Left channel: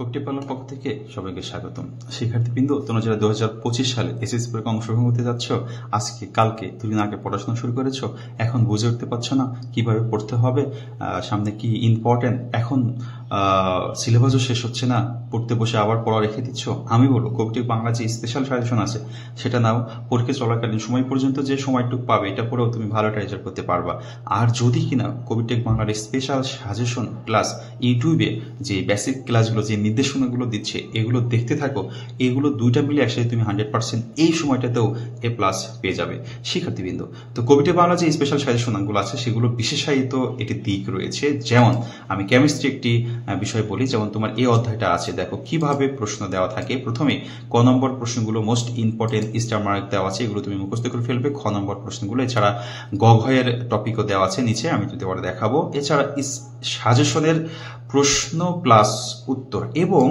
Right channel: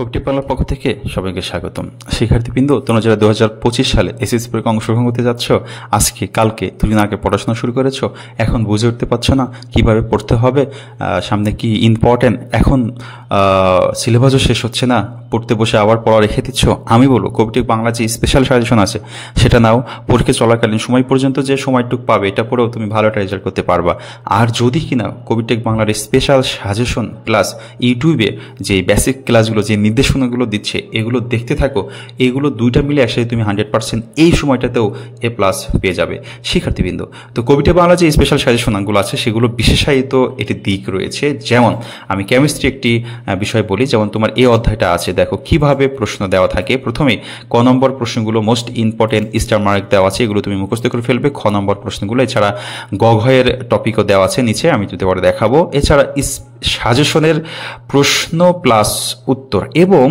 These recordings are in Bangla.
কোকটিভ বাংলার পক্ষ থেকে সবাইকে স্বাগতম। শিক্ষার্থীবৃন্দ, তোমরা যারা 2025 সালে এসএসসি পরীক্ষা অংশগ্রহণ করতে যাচ্ছ, আজকে কালকে দুদিন আগে পড়াশোনা শুরু করেছো, এখন বুঝে উঠতে পারছো না কিভাবে পড়তে হবে, সামনে কি ইম্পর্টেন্ট, এখন সিলেবাসও শেষ হচ্ছে না, পড়তে বসে আবার পড়া রেখে দিচ্ছ। আমি বলবো কোকটিভ বাংলা যে স্পেশাল সাজেশন আছে সেটা নাও। পরীক্ষা চলাকালীন সময় পর্যন্ত যে সময়টুকু পাবে এটা পড়েও তুমি ভালো একটা রেজাল্ট করতে পারবা। আর যদি কিনা কোকটিভ বাংলার স্পেশাল সাজেশন প্লাস ইউটিউবে যে বেসিক ক্লাসগুলো, যে নির্দেশনাগুলো দিচ্ছে, এগুলো দেখতে থাকো, এগুলো দুইটা মিলে একসাথে তুমি 100% এই সময়টাতেও A+ পেয়ে যাবে শিক্ষার্থীবৃন্দ। তো কোকটিভ বাংলা যে স্পেশাল সাজেশনগুলো আছে সেগুলো বিশেষায়িত একটি দিক রয়েছে। যেমন আমি কেমিস্ট্রি একটি বিষয় বলি, যেমন তোমার এই অধ্যায়টা আছে, দেখো কিভাবে প্রশ্ন দেওয়া থাকে। প্রথমে ক নম্বর প্রশ্নগুলো মোস্ট ইম্পর্টেন্ট স্টার মার্ক দেওয়া আছে, এগুলো তুমি মুখস্থ করে ফেলবে। খ নম্বর প্রশ্নগুলো, এছাড়া গঘয়ের টপিকও দেওয়া আছে নিচে, আমি যদি পরে দেখাবো। এছাড়া সাজেশনের প্রশ্ন প্লাস উত্তর, এবং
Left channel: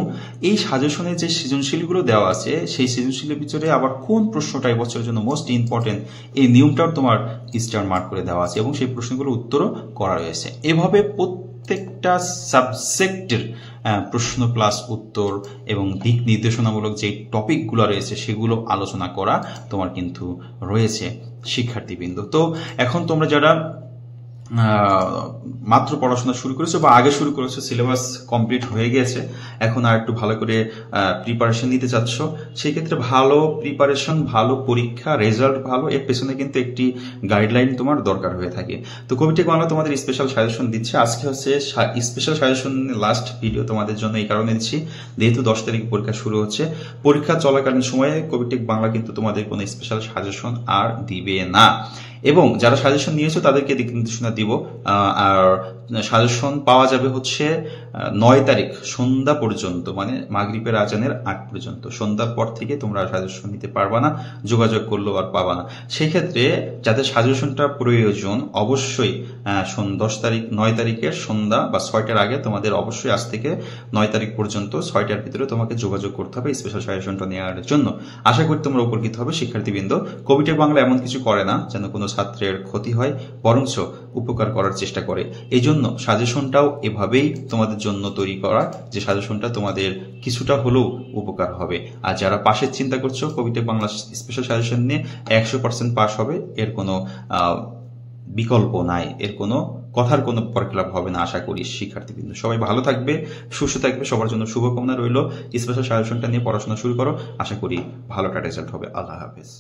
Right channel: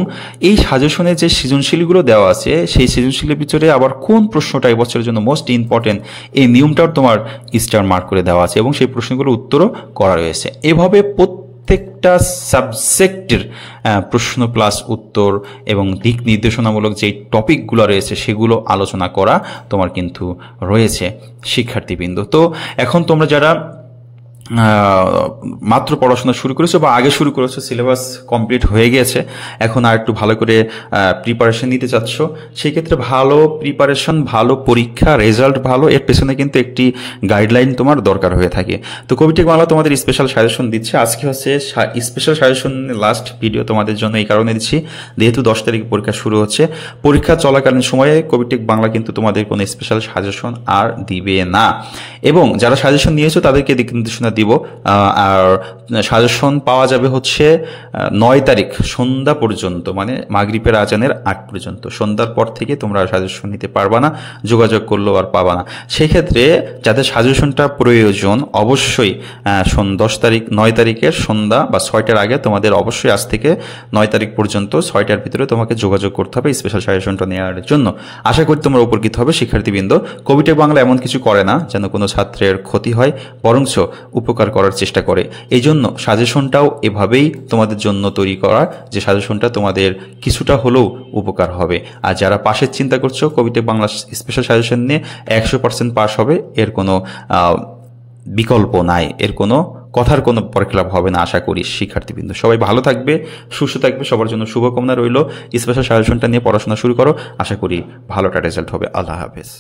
এই সাজেশনের যে সৃজনশীলগুলো দেওয়া আছে সেই সৃজনশীলের ভিতরে আবার কোন প্রশ্নটা এবছরের জন্য মোস্ট ইম্পর্টেন্ট এই নিয়মটাও তোমার স্টার মার্ক করে দেওয়া আছে, এবং সেই প্রশ্নগুলো উত্তরও করা রয়েছে। এভাবে প্রত্যেকটা সাবজেক্টের প্রশ্ন প্লাস উত্তর এবং দিক নির্দেশনামূলক যে টপিকগুলো রয়েছে সেগুলো আলোচনা করা তোমার কিন্তু রয়েছে শিক্ষার্থীবৃন্দ। তো এখন তোমরা যারা মাত্র পড়াশোনা শুরু করেছো বা আগে শুরু করেছো, সিলেবাস কমপ্লিট হয়ে গেছে, এখন আর একটু ভালো করে প্রিপারেশন নিতে চাচ্ছ, সেই ক্ষেত্রে ভালো প্রিপারেশন, ভালো পরীক্ষা, রেজাল্ট ভালো, এর পেছনে কিন্তু একটি গাইডলাইন তোমার দরকার হয়ে থাকে। তো কোকটিভ বাংলা তোমাদের স্পেশাল সাজেশন দিচ্ছে। আজকে হচ্ছে স্পেশাল সাজেশন লাস্ট ভিডিও তোমাদের জন্য এই কারণে দিচ্ছি, যেহেতু 10 তারিখ পরীক্ষা শুরু হচ্ছে। পরীক্ষা চলাকালীন সময়ে কোকটিভ বাংলা কিন্তু তোমাদের কোনো স্পেশাল সাজেশন আর দিবে না, এবং যারা সাজেশন নিয়েছো তাদেরকে দিক নির্দেশনা দিব। আর সাজেশন পাওয়া যাবে হচ্ছে 9 তারিখ সন্ধ্যা পর্যন্ত, মানে মাগরিবের আজানের আগ পর্যন্ত। সন্ধ্যার পর থেকে তোমরা সাজেশন নিতে পারবা না, যোগাযোগ করলেও আর পাবা না। সেক্ষেত্রে যাদের সাজেশনটা প্রয়োজন অবশ্যই 9 তারিখের সন্ধ্যা বা 6টার আগে তোমাদের অবশ্যই আজ থেকে 9 তারিখ পর্যন্ত 6টার ভিতরে তোমাকে যোগাযোগ করতে হবে স্পেশাল সাজেশনটা নেওয়ার জন্য। আশা করি তোমরা উপকৃত হবে শিক্ষার্থীবৃন্দ। কোকটিভ বাংলা এমন কিছু করে না যেন কোনো ছাত্রের ক্ষতি হয়, বরঞ্চ উপকার করার চেষ্টা করে। এই জন্য সাজেশনটাও এভাবেই তোমাদের জন্য তৈরি করা, যে সাজেশনটা তোমাদের কিছুটা হলেও উপকার হবে। আর যারা পাশের চিন্তা করছো কোকটিভ বাংলা স্পেশাল সাজেশন নিয়ে 100% পাস হবে, এর কোনো বিকল্প নাই, এর কোনো কথার কোনো পরখলাপ হবে না আশা করি শিক্ষার্থীবৃন্দ। সবাই ভালো থাকবে, সুস্থ থাকবে, সবার জন্য শুভকামনা রইল। স্পেশাল সাজেশনটা নিয়ে পড়াশোনা শুরু করো, আশা করি ভালো একটা রেজাল্ট হবে। আল্লাহ হাফেজ।